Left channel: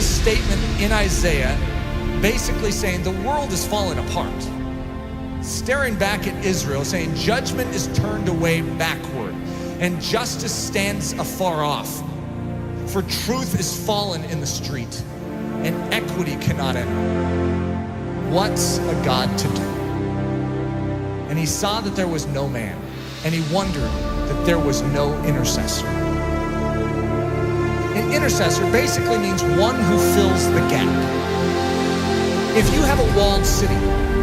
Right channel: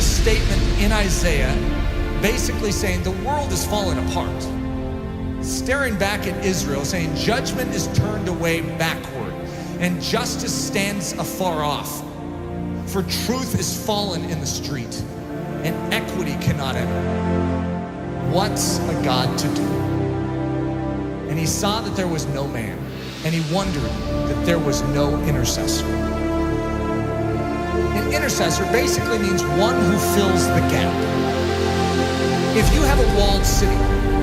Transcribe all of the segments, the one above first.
a statement in Isaiah basically saying the world is falling apart. Staring back at Israel, saying judgment is turned away backward and justice stands afar off. For truth is fallen in the street and equity cannot enter. What's a God to do? And he saw that there was no man, and he wondered that there was no intercessor. An intercessor basically means one who fills the gap. If you have a walled city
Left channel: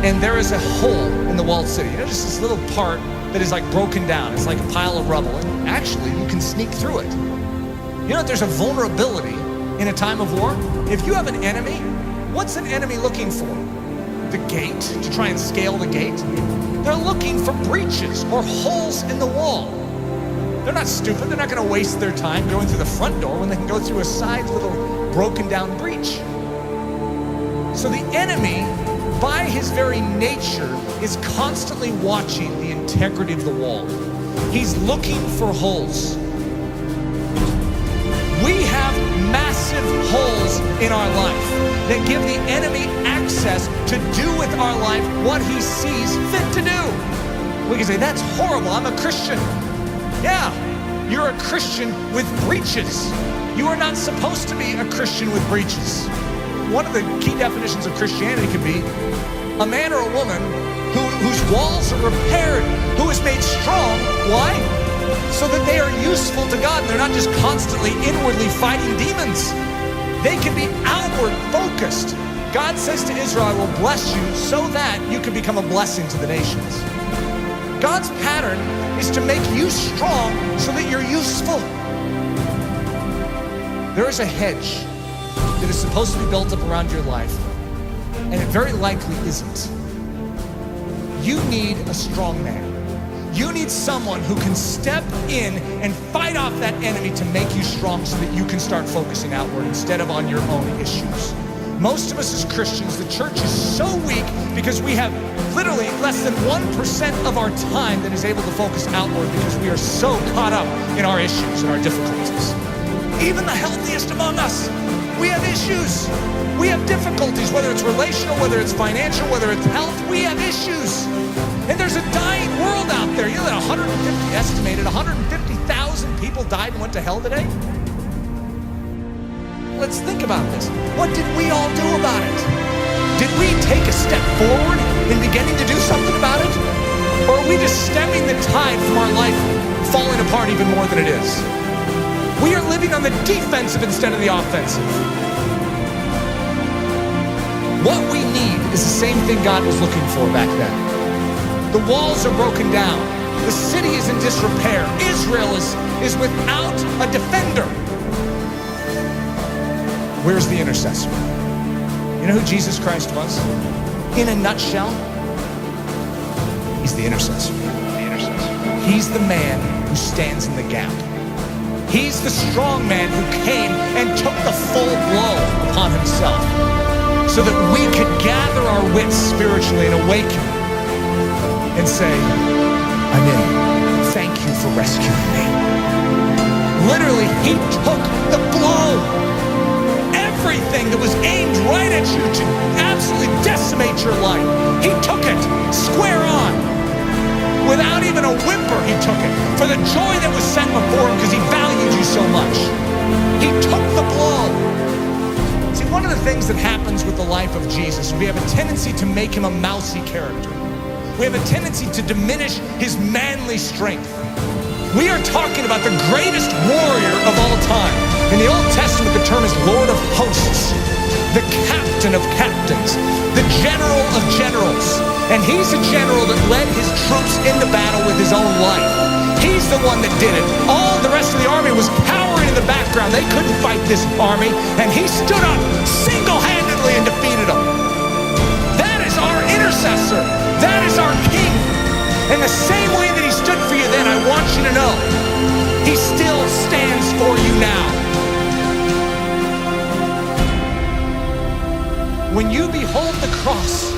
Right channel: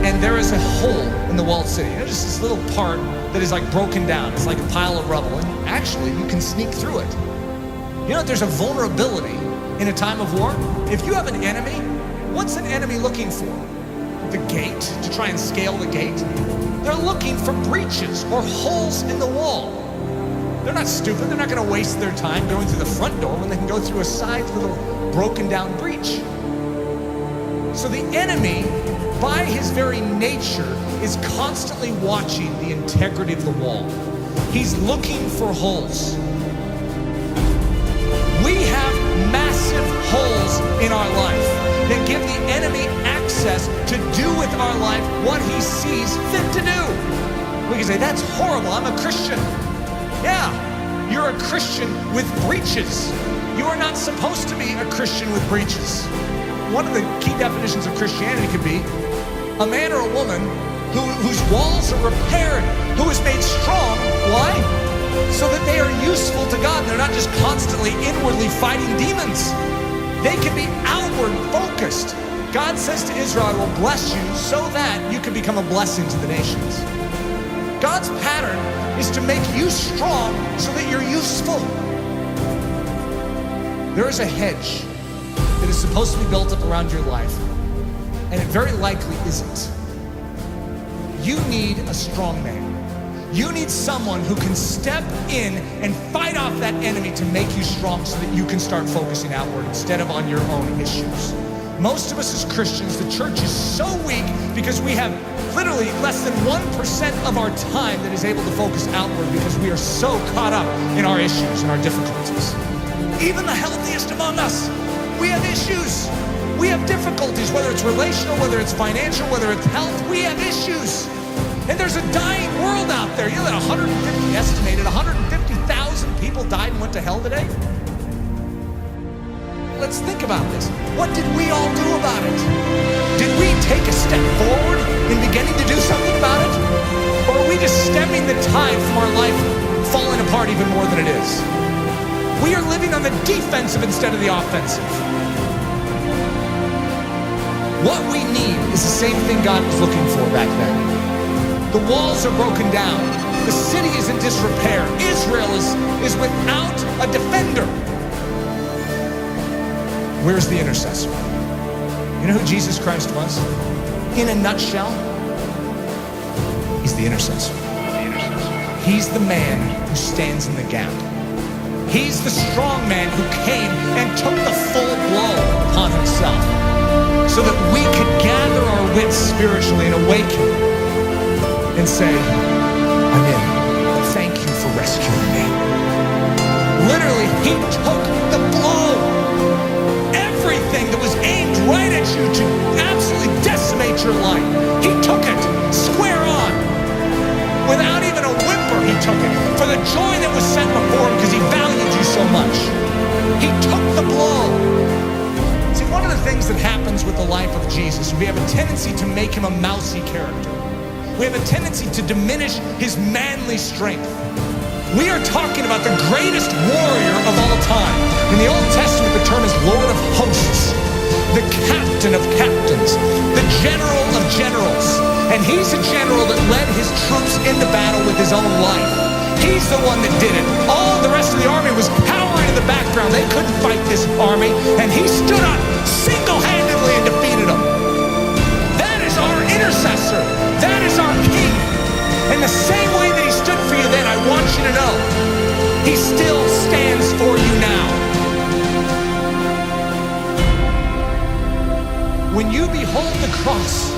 and there is a hole in the walled city, just this little part that is like broken down, it's like a pile of rubble, and actually you can sneak through it. There's a vulnerability in a time of war. If you have an enemy, what's an enemy looking for? The gate, to try and scale the gate? They're looking for breaches or holes in the wall. They're not stupid. They're not going to waste their time going through the front door when they can go through a side little broken down breach. So the enemy, by his very nature, is constantly watching the integrity of the wall. He's looking for holes. We have massive holes in our life that give the enemy access to do with our life what he sees fit to do. We can say, that's horrible, I'm a Christian. Yeah, you're a Christian with breaches. You are not supposed to be a Christian with breaches. One of the key definitions of Christianity could be a man or a woman whose walls are repaired, who is made strong. Why? So that they are useful to God and they're not just constantly inwardly fighting demons. They can be outward focused. God says to Israel, I will bless you so that you can become a blessing to the nations. God's pattern is to make you strong so that you're useful. There is a hedge that is supposed to be built up around your life, and it very likely isn't. You need a strong man. You need someone who can step in and fight off that enemy to make you strong so that you can start focusing outward instead of on your own issues. Most of us as Christians, the church is so weak because we have literally less than 1% of our time that is able to focus outward because we are so caught up in our issues and our difficulties. Even the healthiest among us, we have issues. We have difficulties, whether it's relational, whether it's financial, whether it's health, we have issues. And there's a dying world out there. That estimated 150,000 people died and went to hell today? Let's think about this. What did we all do about it? Did we take a step forward in beginning to do something about it? Or are we just stemming the tide from our life falling apart even more than it is? We are living on the defensive instead of the offensive. What we need is the same thing God was looking for back then. The walls are broken down. The city is in disrepair. Israel is without a defender. Where's the intercessor? You know who Jesus Christ was? In a nutshell, he's the intercessor. He's the man who stands in the gap. He's the strong man who came and took the full blow upon himself so that we could gather our wits spiritually and awaken and say, I'm in. Thank you for rescuing me. Literally, he took the blow. Everything that was aimed right at you to absolutely decimate your life, he took it square on. Without even a whimper, he took it for the joy that was set before him because he valued you so much. He took the blow. See, one of the things that happens with the life of Jesus, we have a tendency to make him a mousy character. We have a tendency to diminish his manly strength. We are talking about the greatest warrior of all time. In the Old Testament, the term is Lord of Hosts, the captain of captains, the general of generals. And he's a general that led his troops into battle with his own life. He's the one that did it. All the rest of the army was cowering in the background. They couldn't fight this army, and he stood up single-handedly and defeated them. That is our intercessor. That is our king. And the same way that he stood for you then, I want you to know, he still stands for you now. When you behold the cross,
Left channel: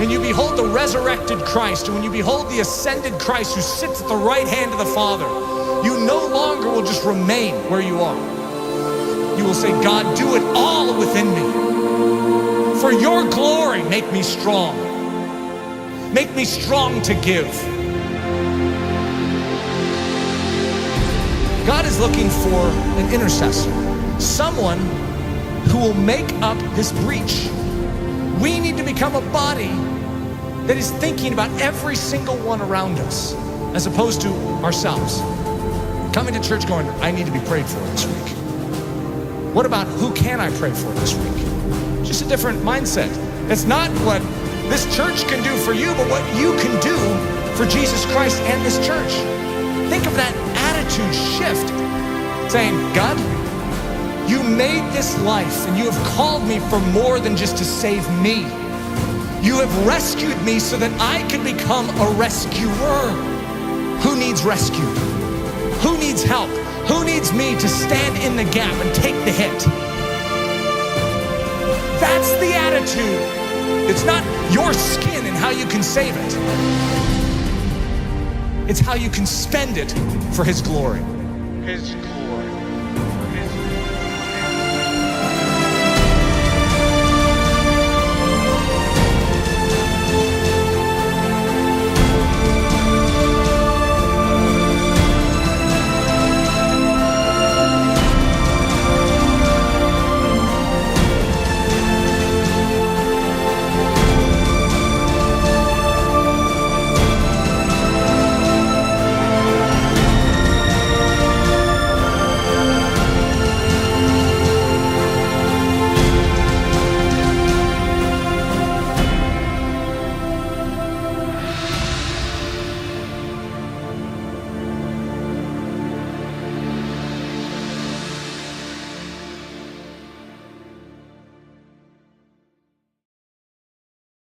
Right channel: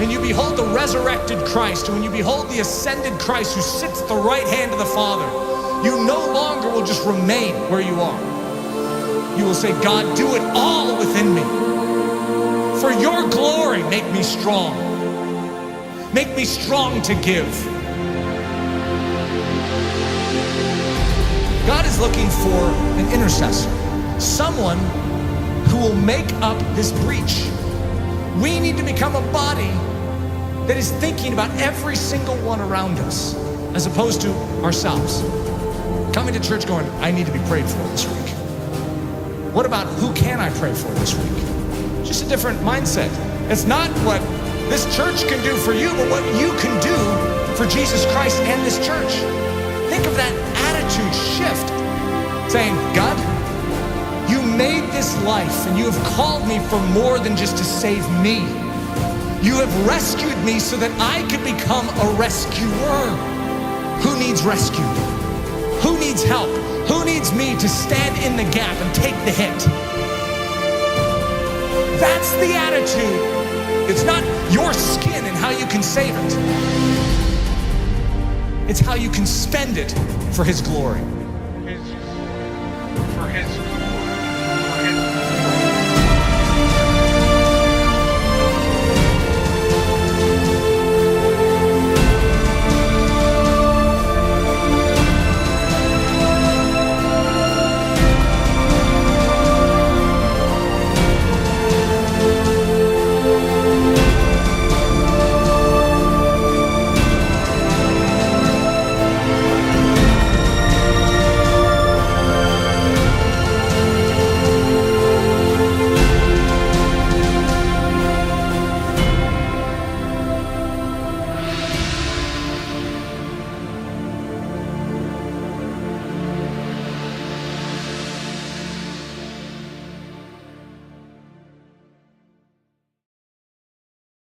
and you behold the resurrected Christ, and when you behold the ascended Christ who sits at the right hand of the Father, you no longer will just remain where you are. you will say, God, do it all within me. For your glory, make me strong. Make me strong to give. God is looking for an intercessor, someone who will make up this breach. We need to become a body that is thinking about every single one around us, as opposed to ourselves. Coming to church going, I need to be prayed for this week. What about who can I pray for this week? Just a different mindset. It's not what this church can do for you, but what you can do for Jesus Christ and this church. Think of that attitude shift, saying, God, you made this life and you have called me for more than just to save me. You have rescued me so that I could become a rescuer. Who needs rescued? Who needs help? Who needs me to stand in the gap and take the hit? That's the attitude. It's not your skin and how you can save it. It's how you can spend it for His glory. His glory. For His glory.